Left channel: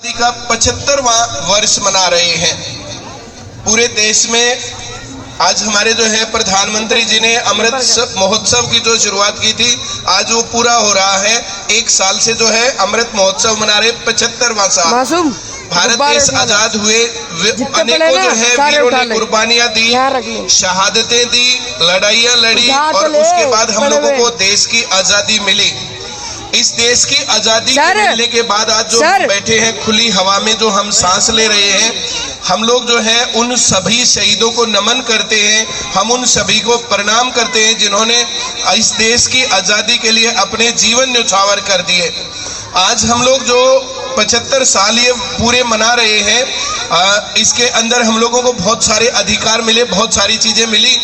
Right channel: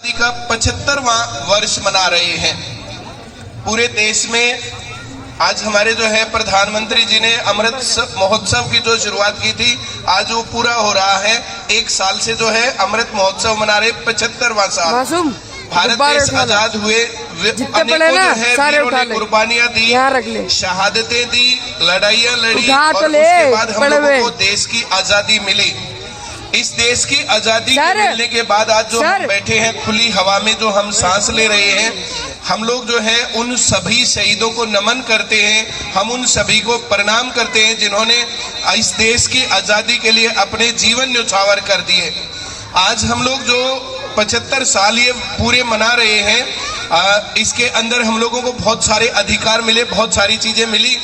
का 75वां वर्ष मना रहे हैं। पूरे देश में आज हमारे जो है प्रधानमंत्री जी ने अमृत महोत्सव की जो शुरुआत की थी, आज वो पूरा हो रहा है। एक साल से जो है अमृत महोत्सव मना रहे 75वां साल। भारत देश आजाद हुए, अनेकों जो है वीरों ने कुर्बानियां दी, शहादतें दी, लड़ाइयां लड़ी और उसके बाद हम लोगों को देश की आजादी मिली। इस देश की आजादी मिलने के बाद आज जो हम बैठे हैं खुली हवा में, जो हम सांस ले रहे हैं, हम लोग जो है उन सभी शहीदों को नमन करते हैं। हम उन सभी को प्रणाम करते हैं जिन्होंने इस देश की आजादी के लिए अपने जीवन न्यौछावर कर दिए। आज हम लोग जो 75 साल ये पूरे मना रहे हैं, इसके अंदर हम लोगों को बहुत सारे अधिकार मिले, बहुत सारी चीजें मिली,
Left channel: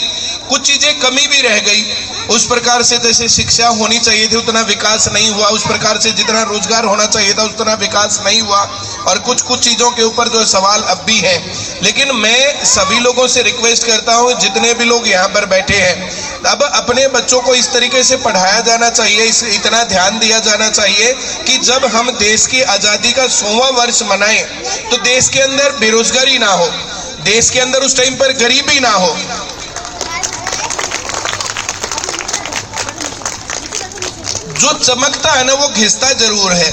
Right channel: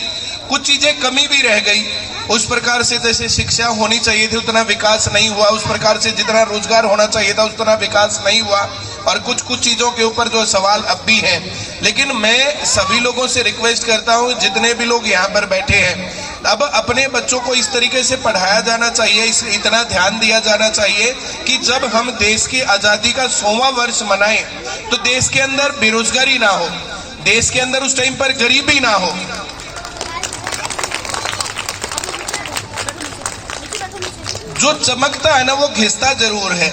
कुछ चीजें कमी भी रह गई। उस प्रकार से जैसे शिक्षा होनी चाहिए थी उतना विकास नहीं हुआ, उस प्रकार से जितना रोजगार होना चाहिए था उतना विकास नहीं हुआ, और कुछ चीजों के ऊपर जो सवाल अब भी है। लेकिन मैं सभी लोगों से रिक्वेस्ट करता हूं, जितने भी लोग यहाँ पर बैठे हैं, अब अपने बच्चों को इस तरीके से पढ़ाया जाना चाहिए, इतना ध्यान दिया जाना चाहिए कि जब हम देश की आजादी का 100वां वर्ष मनाएं तो देश के अंदर बेरोजगारी ना हो, देश के अंदर उस टाइम पर गरीबी ना हो। जो चमकता है ना वो घिसता जरूर है।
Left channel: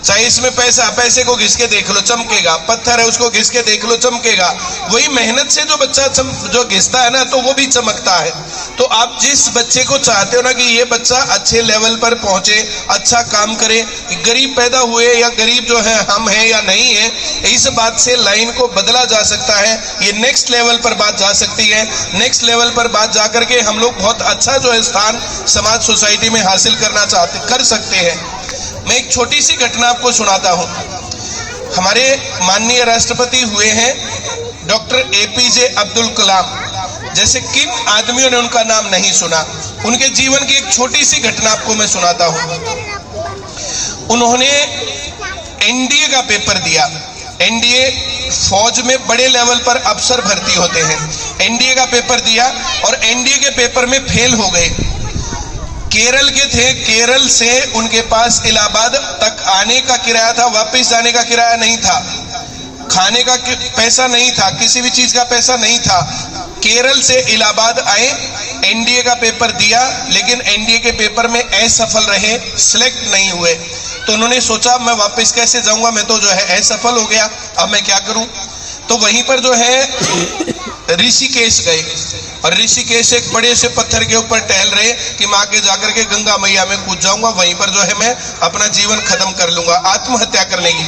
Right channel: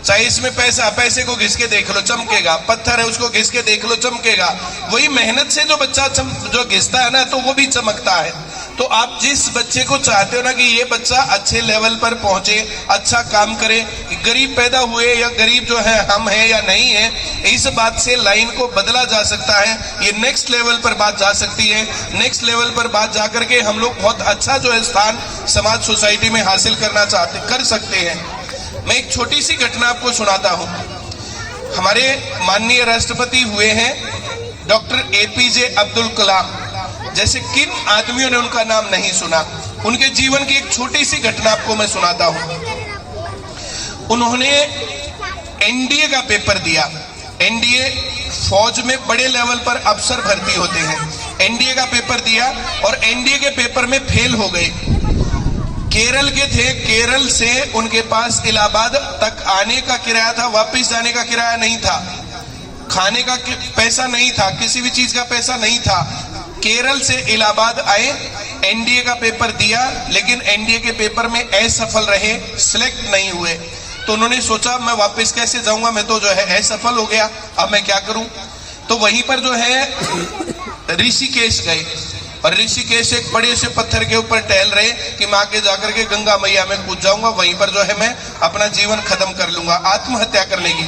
चाहे इसमें पैसे को घिस के देख लो चमकेगा, पत्थर है उसको घिस के देख लो चमकेगा। वही मेहनत से जो बच्चा जो घिसता है ना तो वो भी चमकता है। तो आप जिस बच्चे को चाहते हो ना कि ये बच्चा अच्छे लेवल पर पहुंचे, अच्छा काम करे, गरीब पैदा हुए या गरीब जो है हम हैं या नहीं है, इस बात से लाइन को बदला जा सकता है। ये नेक्स्ट लेवल पर बात जा सकती है। नेक्स्ट लेवल पर बात जा करके हम लोग बहुत अच्छा जो है स्थान समाज सोसाइटी में हासिल कर सकते हैं। मैं एक छोटी सी घटना आपको सुनाता हूं। हमारे माननीय राष्ट्रपति हुए हैं डॉक्टर APJ अब्दुल कलाम। जैसे किन आदमियों ने उनका नाम नहीं सुना? उनके जीवन की एक छोटी सी घटना आपको मैं सुनाता हूं। उन्होंने NDA का पेपर दिया। NDA फौज में बड़े लेवल पर अफसर भर्ती होते हैं। NDA का पेपर दिया और NDA के पेपर में फेल हो गए। केरल के थे, केरल से उनके पास इलाहाबाद तक आने का किराया था, वापस जाने का किराया नहीं था, खाने का पैसा नहीं था, किसी भी चीज का पैसा नहीं था। केरल से इलाहाबाद आए, NDA का पेपर दिया, लेकिन NDA के पेपर में असफल रहे, सिलेक्ट नहीं हुए। तो उन्होंने सोचा मैं वापस कैसे जाऊंगा, मैं तो जो है असफल हो गया, अब मैं क्या करूं? तो वहीं पर जो है ऋषिकेश गए, और ऋषिकेश एक बड़े से पत्थर के ऊपर टहल रहे कि मैं आगे जाकर के गंगा मैया में कूद जाऊंगा, वहीं पर जो है मैं अपना जीवन खत्म कर लूंगा, आत्महत्या कर लेंगे।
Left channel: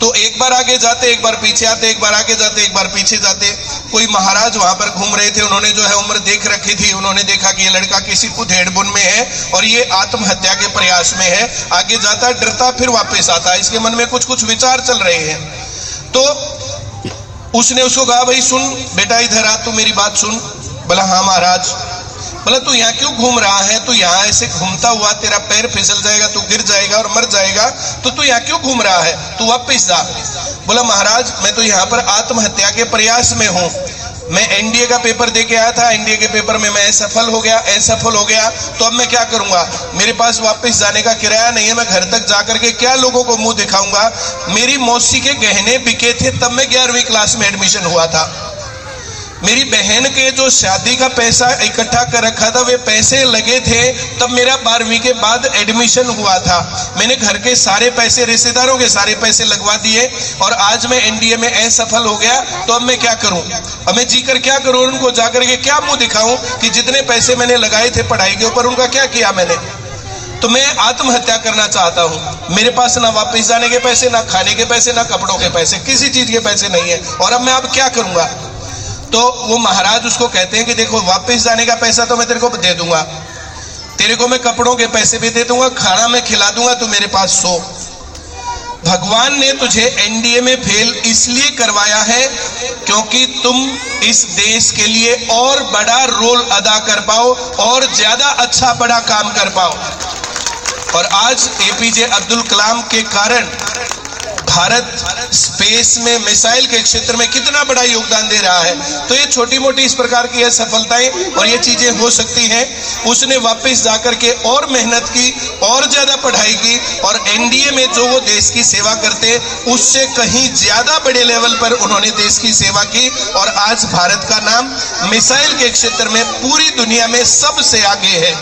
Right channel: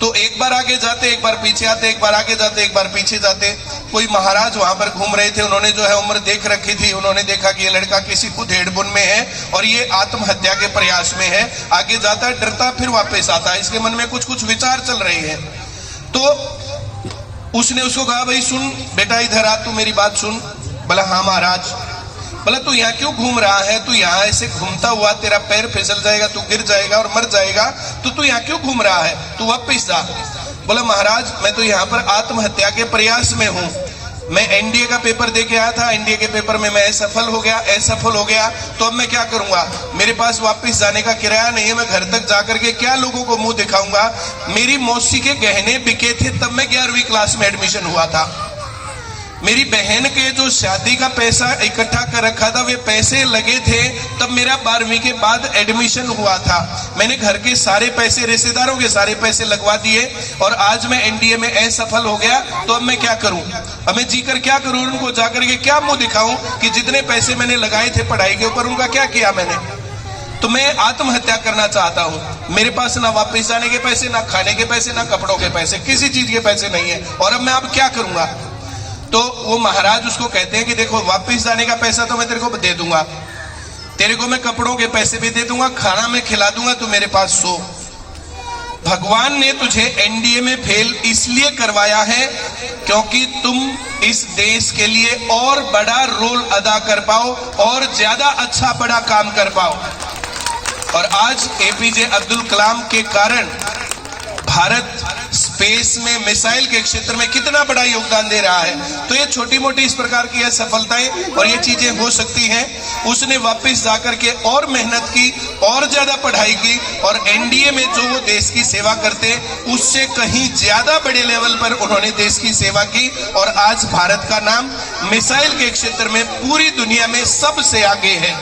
तो एक बार आगे जाते, एक बार पीछे आते, एक बार आगे जाते, एक बार पीछे जाते। कोई महाराज वहां पर घूम रहे थे, उन्होंने जो है उम्र देख रखी थी, उन्होंने देखा कि ये लड़का किसी उधेड़-बुन में है और ये आत्महत्या के प्रयास में है। आगे जाता, डरता, फिर वापस आता, इसके मन में कुछ विचार चल रहे हैं। तो उसने उसको कहा, भाई सुन बेटा, इधर आ, तू मेरी बात सुन। बोला हाँ महाराज। बोला तू यहाँ क्यों घूम रहा है? तू यहाँ ऐसे घूमता हुआ तेरा पैर फिसल जाएगा, तू गिर जाएगा और मर जाएगा, तो तू यहाँ क्यों घूम रहा है? तू वापस जा। बोला महाराज मैं तो यहाँ पर आत्महत्या के प्रयास में हूँ। मैं NDA का पेपर दे के आया था, NDA के पेपर में मैं असफल हो गया, तो अब मैं क्या करूंगा? मेरे पास वापस जाने का किराया नहीं है, मैं घर तक जाकर के क्या लोगों को मुंह दिखाऊंगा? मेरी मौसी के गहने बिके थे तब मैं 11वीं क्लास में एडमिशन हुआ था। मेरी बहन के जो शादी का पैसा इकट्ठा कर रखा था, वे पैसे लगे थे तब मेरा 12वीं के बाद एडमिशन हुआ था। मैंने घर के सारे पैसे, रिश्तेदारों के सारे पैसे लगवा दिए और आज मैं NDA में असफल हो गया, तो अब मैं क्या करूं? अब मैं जीकर क्या करूं? उनको जाकर के क्या मुंह दिखाऊं कि जितने पैसे मैंने लगाए थे पढ़ाई के ऊपर, उनका क्या किया मैंने? तो मैं आत्महत्या करना चाहता हूं। मेरे पास ना वापस जाने के पैसे, ना खाने के पैसे, ना कपड़ों के पैसे, किसी चीज के पैसे नहीं है, और अब मैं अब क्या करूंगा? तो वो महाराज उसको कहते हैं कि देखो, वापस जाने का पैसा तो मैं तेरे को दे दूंगा, तेरे को मैं कपड़ों के पैसे भी दे दूंगा, खाना मैं खिला दूंगा, तू मेरे पास सो। भगवान ने तुझे NDA में फेल इसलिए करवाया है क्योंकि तुम इस देश के लिए और बड़ा रोल अदा कर पाओ और ज्यादा अच्छा बड़ा काम कर पाओ। और आज APJ अब्दुल कलाम के कारण भारत स्पेस में मिसाइल के क्षेत्र में कितना बड़ा योगदान दे रहा है। तो ये छोटी मोटी इस प्रकार की सफलताएं और ये चीजें हो सकती हैं। उसने वापस जाकर के और मेहनत की और ज्यादा पढ़ाई की और एनडीए में जो वो देश की सेवा करते उससे कहीं ज्यादा बड़े लेवल पर उन्होंने देश की सेवा की और आज भारत का नाम मिसाइल के क्षेत्र में पूरी दुनिया में सबसे आगे है।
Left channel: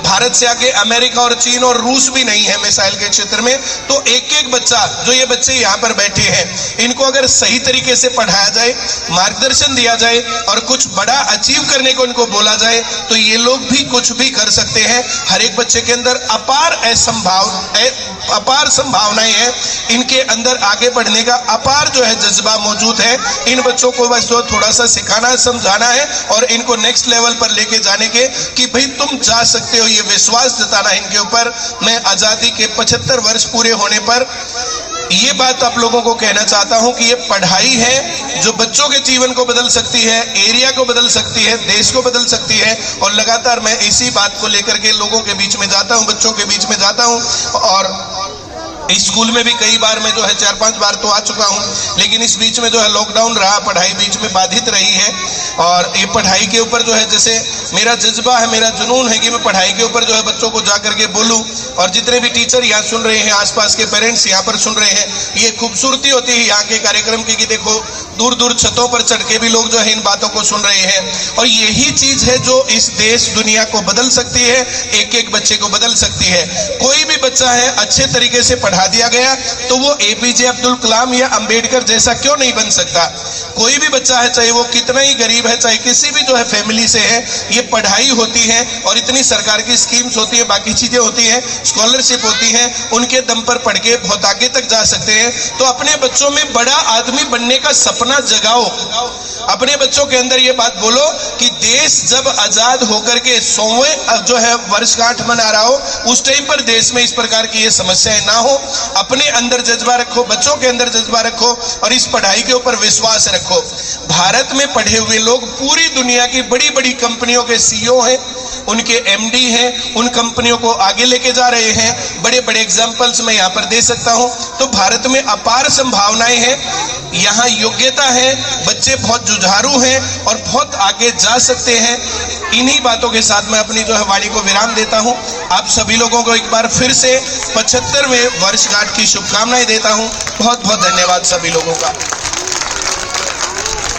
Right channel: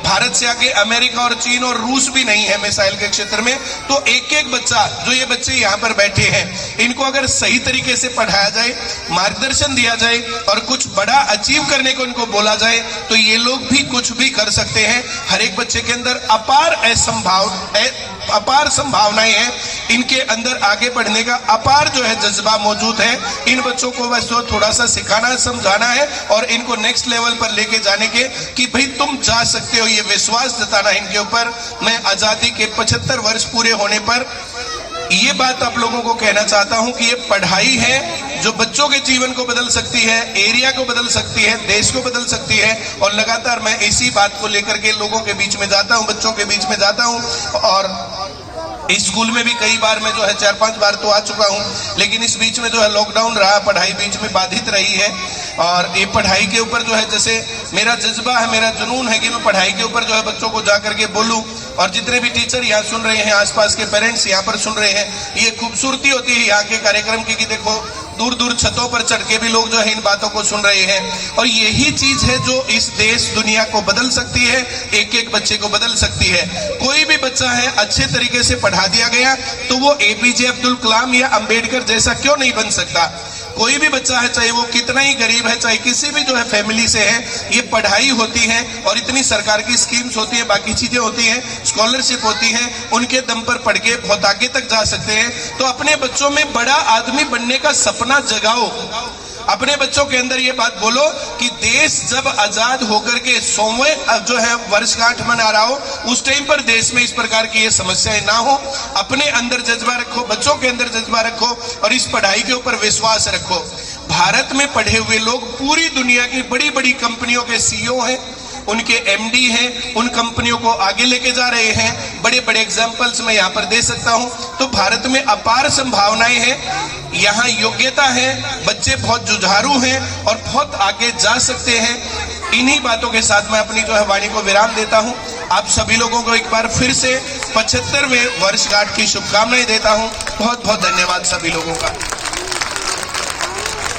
भारत से आगे अमेरिका और चीन और रूस भी नहीं है मिसाइल के क्षेत्र में। तो एक एक बच्चा, जो ये बच्चे यहाँ पर बैठे हैं, इनको अगर सही तरीके से पढ़ाया जाए, मार्गदर्शन दिया जाए और कुछ बड़ा अचीव करने को उनको बोला जाए तो ये लोग भी कुछ भी कर सकते हैं। हर एक बच्चे के अंदर अपार संभावनाएं हैं। इनके अंदर आगे बढ़ने का अपार जो है जज्बा मौजूद है। इन बच्चों को बस जो थोड़ा सा सिखाना है, समझाना है और इनको नेक्स्ट लेवल पर लेके जाने के कि भाई तुम जा सकते हो, ये विश्वास जताना इनके ऊपर। मैं आजादी के 75 वर्ष पूरे होने पर ये बात आप लोगों को कहना चाहता हूं कि ये पढ़ाई है जो बच्चों के जीवन को बदल सकती है, एरिया को बदल सकती है, देश को बदल सकती है। और लगातार मैं इसी बात को लेकर के लोगों के बीच में जाता हूं, बच्चों के बीच में जाता हूं और स्कूल में भी कई बार मैं जो है 4-5 बार तो आ चुका हूं। लेकिन इस बीच में जो है लॉकडाउन रहा, पढ़ाई बीच में बाधित रही है और ये पढ़ाई के ऊपर जो है जैसे मेरा जज्बा है, मेरा जुनून है कि मैं पढ़ाई के ऊपर जो है बच्चों को जा करके बोलूं। और जितने भी टीचर यहाँ सुन रहे हैं, आसपास के पेरेंट्स यहाँ पर सुन रहे हैं, ये खूबसूरती होती है यहाँ के कार्यक्रम की कि देखो दूर दूर छतों पर चढ़ के भी लोग जो है इन बातों को सुन रहे हैं। और यही चीज है जो इस देश दुनिया को बदल सकती है, एक एक बच्चे को बदल सकती है। कोई भी बच्चा है अच्छे तरीके से पढ़ा दिया गया तो वो एपीजे अब्दुल कलाम या अंबेडकर जैसा क्यों नहीं बन सकता। कोई भी बच्चा है, चाहे वो कितना ही गरीब है, चाहे किसी भी जो है फैमिली से है, ये पढ़ाई होती है और इतनी सरकार की स्कीम्स होती है, बाकी चीजें होती हैं, स्कॉलरशिप होती है, उनके दम पर पढ़ के बहुत आगे तक जा सकते हैं। तो अपने बच्चों में बड़ा आदमी बनने का सपना जगाओ। अपने बच्चों के अंदर ये बात बोलो कि देश जब आजाद होकर के 100वें जो है वर्षगांठ मना रहा हो, उस टाइम पर देश में इस प्रकार की ये समस्याएं ना हो। अपने अंदर जज्बा रखो, बच्चों के अंदर जज्बा रखो और इस पढ़ाई के ऊपर विश्वास रखो। भारत में पढ़े हुए लोग पूरी दुनिया की बड़ी बड़ी कंपनियों के सीईओ हैं, उनके एमडी हैं, उन कंपनियों को आगे लेके जा रहे हैं। बड़े बड़े एग्जाम्पल्स मैं यहाँ पर दे सकता हूँ। तो भारत में अपार संभावनाएं हैं, यहाँ योग्यता है, बच्चे बहुत जुझारू हैं और बहुत आगे जा सकते हैं। इन्हीं बातों के साथ मैं अपनी जो है वाणी को विराम देता हूँ। आप सभी लोगों को एक बार फिर से 75वें वर्षगांठ की शुभकामनाएं देता हूँ। बहुत बहुत धन्यवाद सभी लोगों का।